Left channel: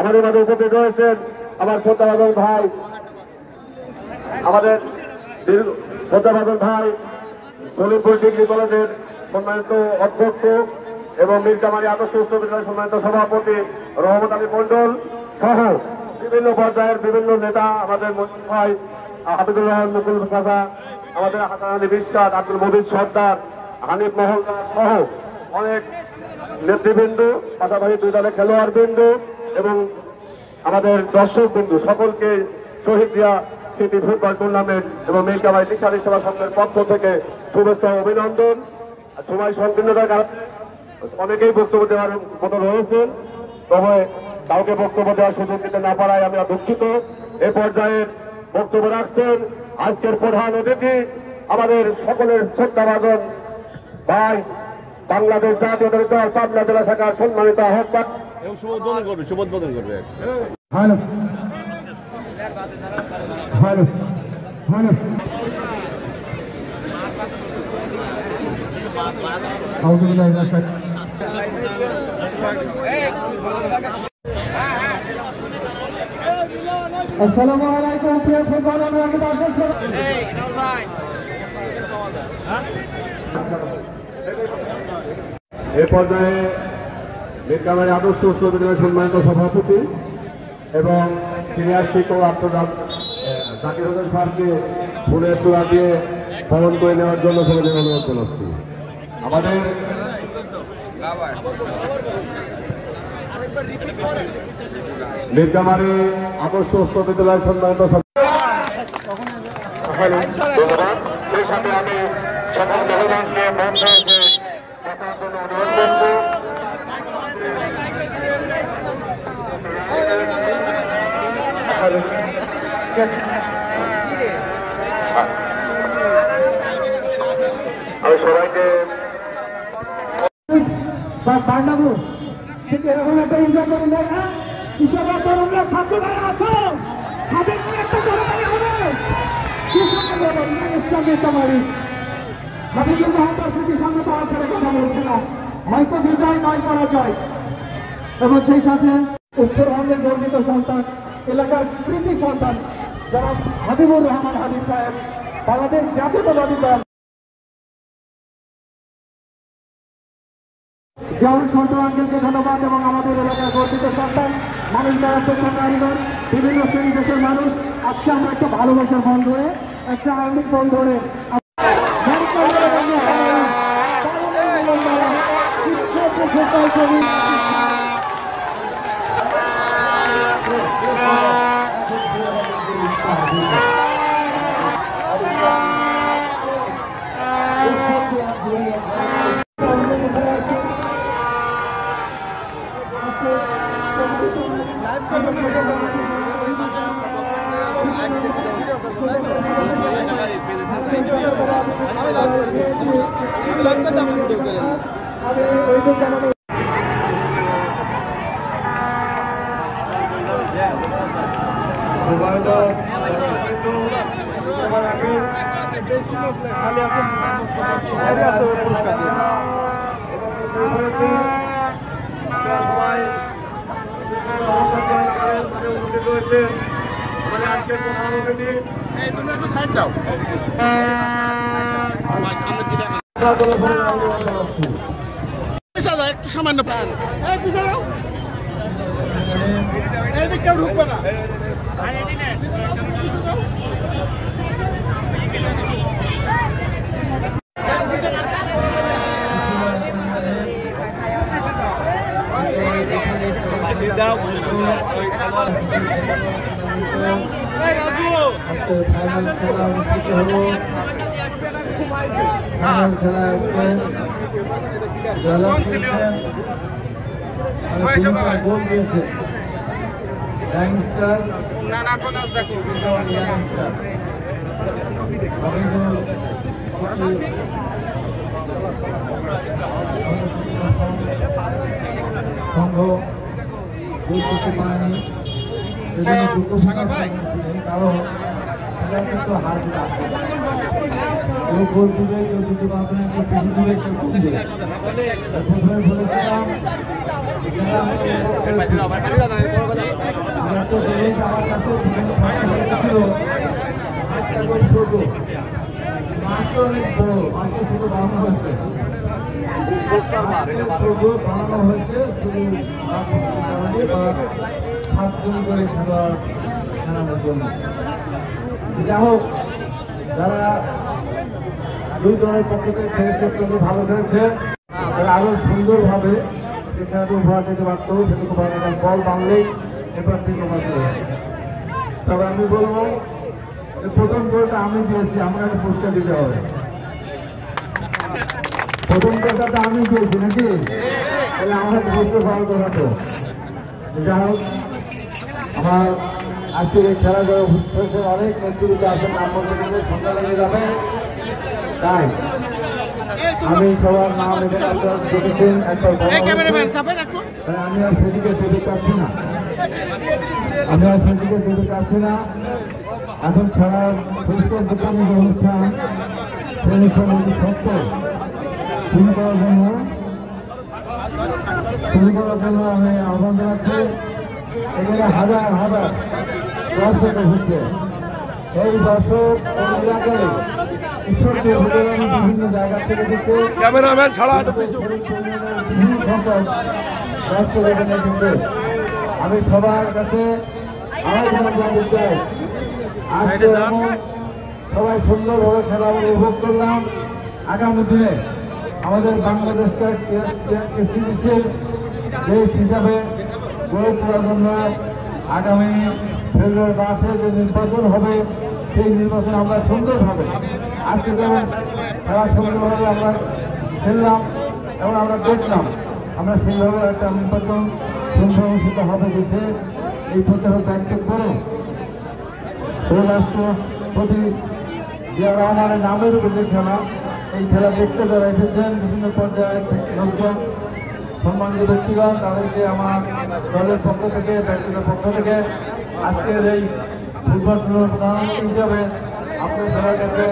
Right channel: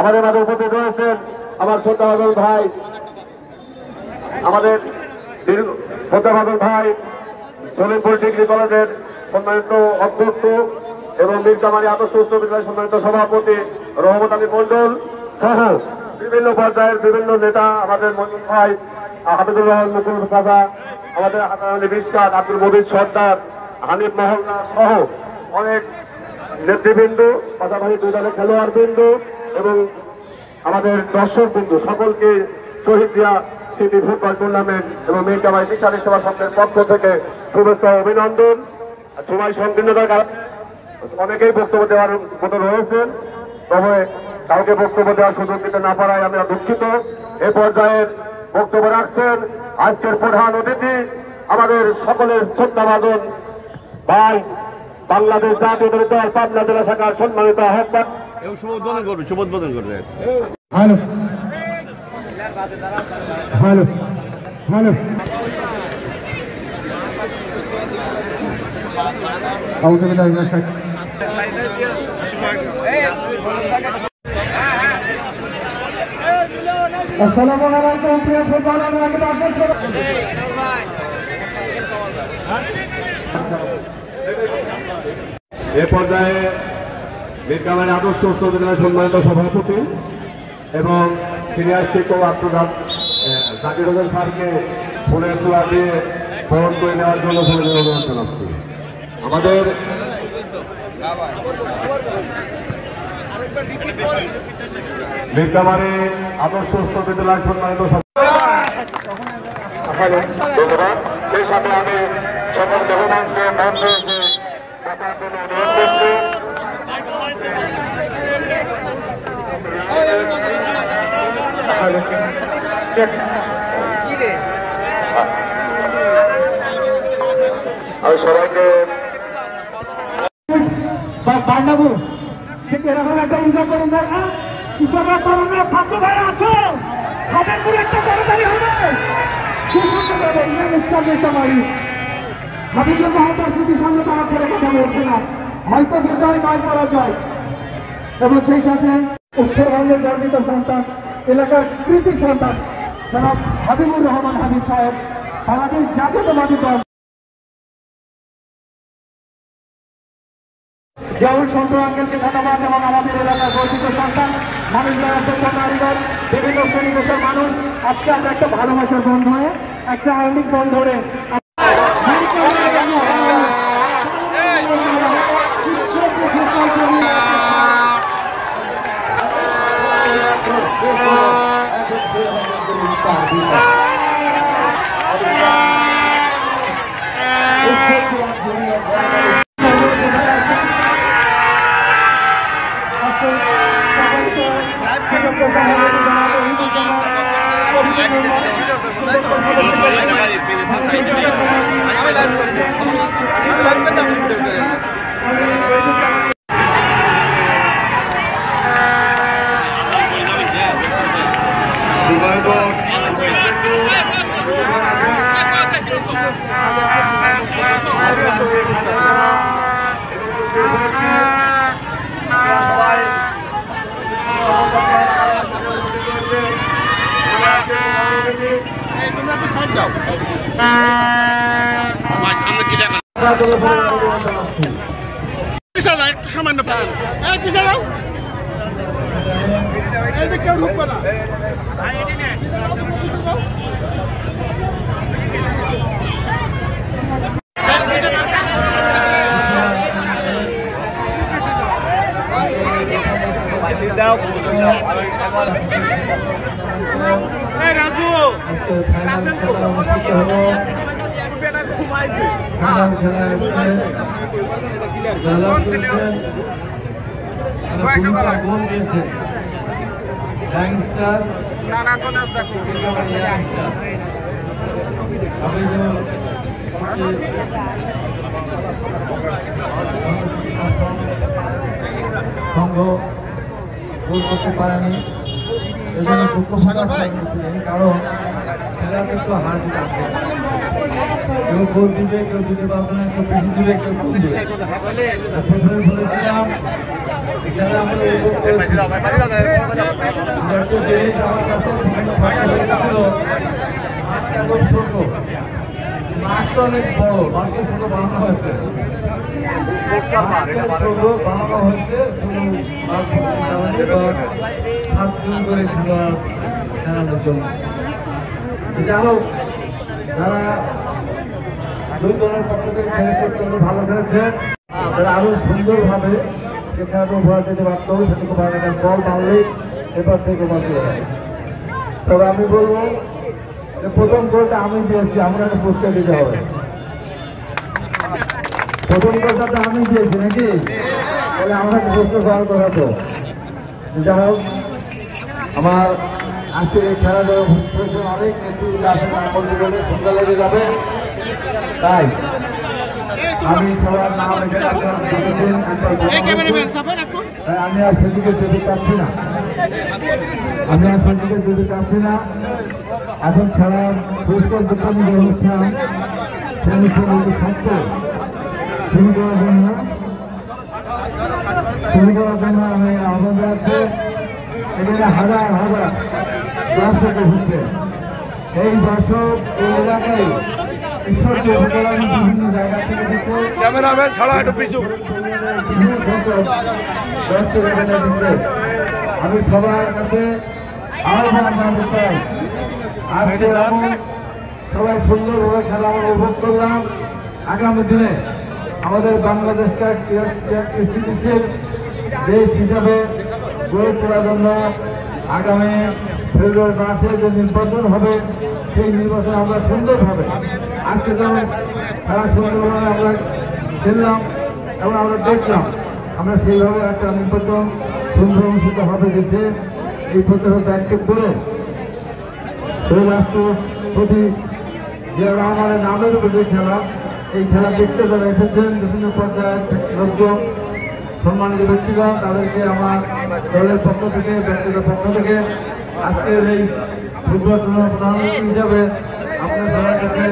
আমাদের মাঝে উপস্থিত রয়েছেন আমার শ্রদ্ধাভাজন ভাই, আমাদের শ্রদ্ধাভাজন ভাই সলিমপুর ডিগ্রি কলেজের সম্মানিত অধ্যক্ষ এবং মীরকামারী আদর্শ উচ্চ বিদ্যালয়ের সম্মানিত সভাপতি রহমত আলী মন্ডল সহ বিভিন্ন পর্যায়ের বিভিন্ন নেতা, আমাদের মন্ডল ভাই হাফিজুর রহমান মুকুল কাকা, আমাদের হাসান বিশ্বাস, আব্দুল মজিদ সর্দার, হানিফ মহলদার সহ অনেক নেতৃবৃন্দ, পাশাপাশি দুই দলের খেলোয়াড় বৃন্দ এবং আমাদের দর্শক বৃন্দ সকলকে শহীদ জিয়া স্মৃতি ফুটবল টুর্নামেন্ট এবং মীরকামারী নিশানী সেবা সংঘের পক্ষ থেকে শুভেচ্ছা অভিনন্দন। সময় সংকীর্ণতার কারণে অনেকেই বক্তব্য দেওয়ার মতো রয়েছেন, তবে কাউকে বক্তব্য দেওয়ার সুযোগ দিতে না পারায় আমরা দুঃখিত। এ পর্যায়ে বক্তব্য রাখছেন আজকের প্রধান অতিথি, আমাদের সকলের শ্রদ্ধাভাজন ভাই, বাংলাদেশ জাতীয় দল পাবনা জেলা শাখার সম্মানিত আহ্বায়ক। শুভোদ্বোধন করবে। আসসালামু আলাইকুম প্রিয় ফুটবল এ পর্যায়ে মীরকামারী আদর্শ উচ্চ বিদ্যালয়ের সম্মানিত সভাপতি এবং সিনিয়র শিক্ষক জাকির হোসেন স্যারকে ফুলের তোড়া দিয়ে বরণ করে নেওয়ার জন্য অনুরোধ জানাচ্ছি। আমাদের মীরকামারী আদর্শ উচ্চ বিদ্যালয়ের সম্মানিত সেই সাথে আমি সকল মেহমানকে মঞ্চ থাকার জন্য অনুরোধ করছি। আমি সবাইকে বান্দাবু ঠিক এরকম একটা এনজয় করুন না, কৃষকের তরুণরা ছাত্র ভাইরা আছেন, তাদের করে একটা কবিতারি হবে হাবিজুর মহাতার স্মৃতির সঙ্গে তারা করে কথা বলছে না, হয়তো বিজয় নয় করা যায়। এবং সেই সাথে উত্তরবঙ্গের গর্বিত সন্তান, এলাকার কৃতি সন্তান যারা হাবিবুর রহমান হাবিব সাহেব, বাংলাদেশ জাতীয়তাবাদী দল যেমন ছোট আঙ্কেলকে ধন্যবাদ এবং আমাদের এলাকার গর্বিত সন্তান মানুষ, বিভিন্ন শ্রেণী দেশের মানুষ আজকে আমরা একটা ভালোবাসার বন্ধ হয়ে একটা আইনিক বন্ধ ধরে একটু সামান্য কেউ ঢুকবে না। সংঘ গোল করতে পারেনি, সেজন্য দুঃখ প্রকাশ করেনি, কারণ খেলার কিন্তু হার জিত আছে। কেউ গোল দিবে, কেউ দিতে পারবে না, কেউ বেশি দিবে, কেউ কম দিবে। মাঠটা অনেক বড়, মাঠটা ছোট বানানো হয়েছে, বানানো হয়েছে শুধু 7 জন করে খেলোয়াড় খেলানোর জন্য। যাই হোক, যারা 2 দলের পক্ষ থেকে খেলেছে, ভালো খেলেছে, তারা আরো সুন্দরভাবে যে খেলাটা উপহার দিতে পারত সেটুকু পারে না, বল বাংলেই এবার থেকে বাঁচিয়ে যায়। তবে আমি বলবো যে প্রথম গোলটা আমি দিয়েছি, আমাকে পুরস্কার দিতে হবে। প্রথম গোলটা আমি দিয়েছি নাকি, তাহলে আমাকে পুরস্কার দেওয়ার কথা তো। যাই হোক, আমার আজকের এই খেলাধুলা অনেক নেতৃত্ব আসেন, আমাদের জন্য সুন্দর লেগে যাবে। তাই আমি সবার নাম দেখেছেন, আমি আর সেদিকে যেতে চাচ্ছি না, এখন খেলা পুরস্কার বিতরণী যে অনুষ্ঠান, সেই অনুষ্ঠানটি থাকবে শুরু করার জন্য আমি আহ্বান জানাচ্ছি। এখানে হাজার হাজার দর্শক হচ্ছে, এই দর্শক এই এলাকায় ঈশ্বরকে বিভিন্ন জায়গা থেকে ক্যামেরাম্যান ছাড়া একটু পিছু। আমি সবার কাছে আহ্বান জানাতে চাই, আজকে সবাই সুন্দরভাবে খেলা আমরা উপভোগ করলাম। আগামী দিনে আমাদের বাংলাদেশকে স্থিতিশীল দেশ হিসাবে গড়ে তোলার জন্য আগামী ফেব্রুয়ারি মাসে যে নির্বাচন হবে, সেই নির্বাচনে আমরা সুন্দরভাবে আজকে যেমন খেলা সুন্দরভাবে আমরা খেললাম এবং আমরা দেখলাম, আমরা সেইভাবে একটা নির্বাচন সুন্দর অনুষ্ঠিত হবে, দেশে এই প্রচার দায়িত্ব করে এই রাষ্ট্রপতি জিয়া রহমানের নামের উপরে খেলা, এই খেলা দেখতে যারা এসেছেন বিভিন্ন পর্যায়ের লোকজন, সম্মানিত ব্যক্তিগণ, তাদেরকে আমার দলের পক্ষ থেকে, ব্যক্তিগত পক্ষ থেকে আজকের এই ফুটবল টুর্নামেন্ট প্রধানমন্ত্রী হিসাবে আপনার সবার কাছে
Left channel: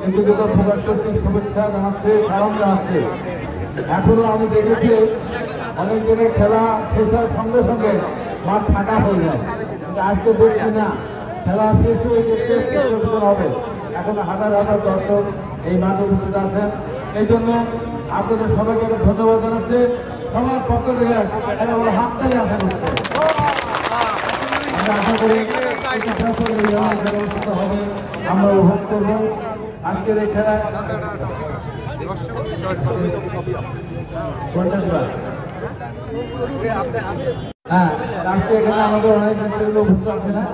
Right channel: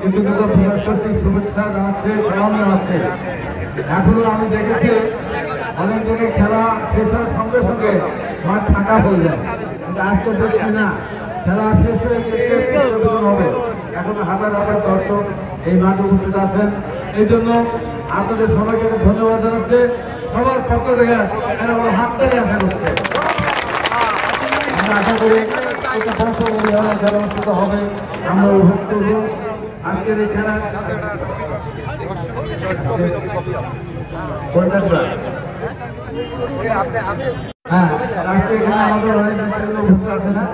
কৃতজ্ঞতা প্রকাশ করতে শুভেচ্ছা জানাচ্ছে, সালাম জানাচ্ছে। এখনো আমি দেখেছি অনেক জায়গায় খেলা শেষ হওয়ার সঙ্গে সঙ্গে মাঠ ফাঁকা হয়ে যায়, কিন্তু আজকে দেখছি না, খেলা শেষ হয়ে গেছে হবে, এখন হাজার হাজার দর্শক এই মাঠে উপস্থিত আছেন। এই জন্য আপনাদের সবাইকে ধন্যবাদ জানাচ্ছে, সবার পক্ষ থেকে এরা বড় হাততালি আশা করছে। আমরা আশা করি একটা বছর খেলা অনুষ্ঠিত হবে, আমরা উপভোগ করব আজকের এই খেলা। হ্যাঁ, আজকে এখানে আমাদের অনেক ব্যাপারগুলো উপস্থিত আছে না,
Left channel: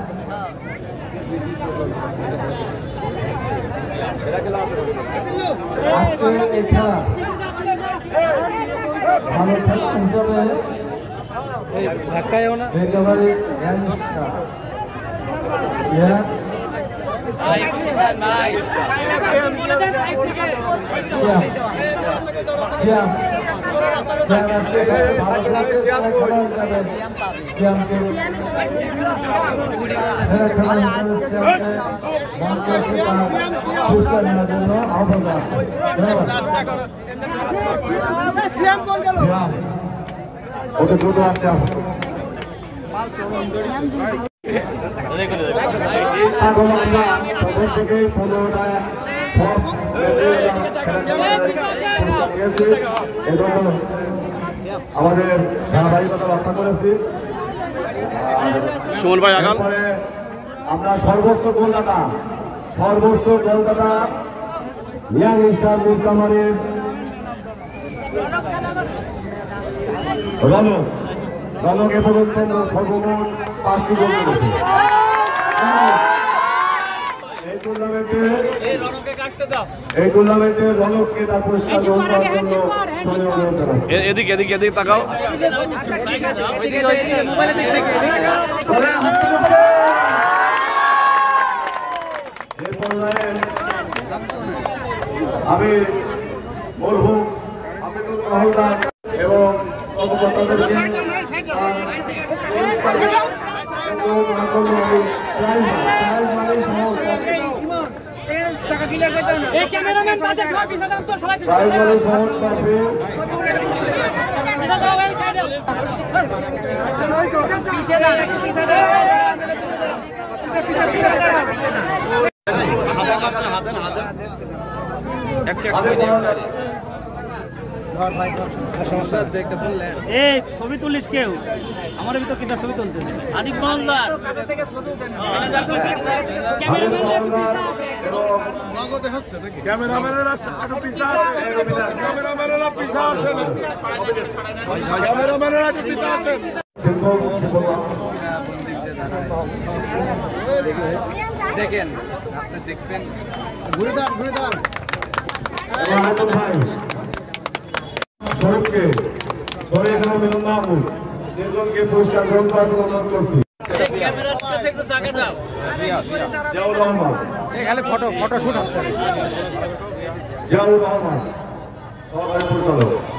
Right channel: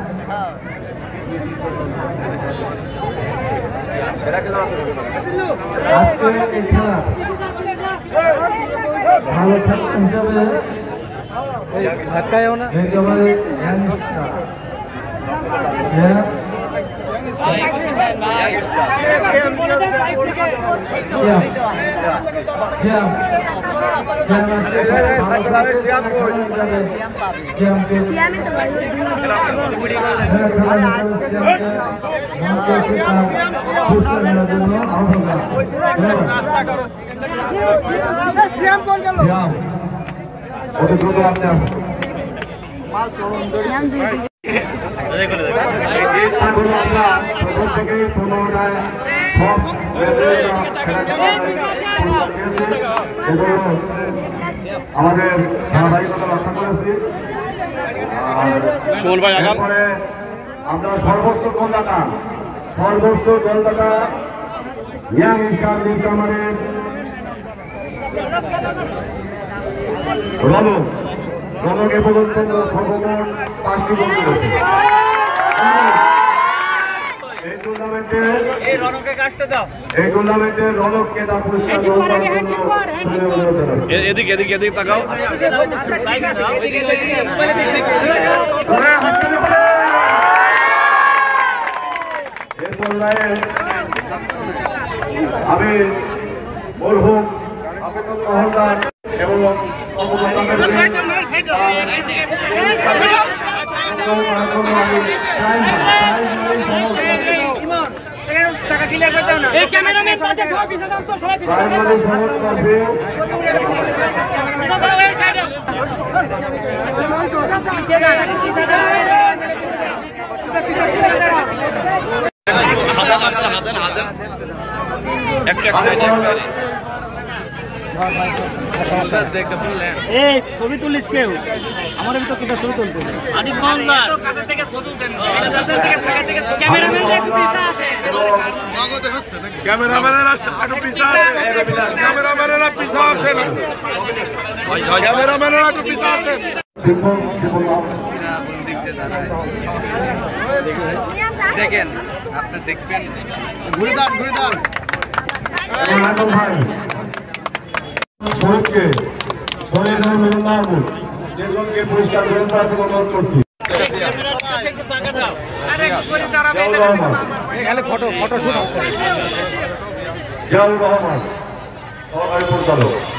আজকে এই খেলা ভালো খেলা হিসাবে একেবারে আমাদের ধারাবাহিকতা রক্ষা করেছি। আমরা সর্বোচ্চ গোলদাতা ইয়াং স্টার নীলকামারের রনক এ পর্যন্ত সর্বমোট 5টি গোল করেছে। এই টুর্নামেন্টে রনককে তার পুরস্কার গ্রহণ করার জন্য এদিকে তাকাও। আমি মরহুম আবুল মহলদার এবং এই ক্যামেরাম্যান পাশে সবাই পিছে দাও তো সবাই পিছে প্রাইমারি সাহেব পাশে এই ছবি তুলিস কেউ আমাদের ভিতর কিটা ছবি তুলতে ক্যামেরাম্যানেরা একটু পিছা আসেন ক্যামেরাম্যানেরা পিছা আসেন ক্যামেরাম্যানেরা একটু পিছা আসেন শিক্ষক শিক্ষক দেখেন আপনি দেখবেন শহীদকে শহীদ মাহমুদ নির্জনকে পুরস্কার গ্রহণ করার জন্য অনুরোধ করছি ফটো শুট জিয়াউর রহমান সহকারী পরিচালক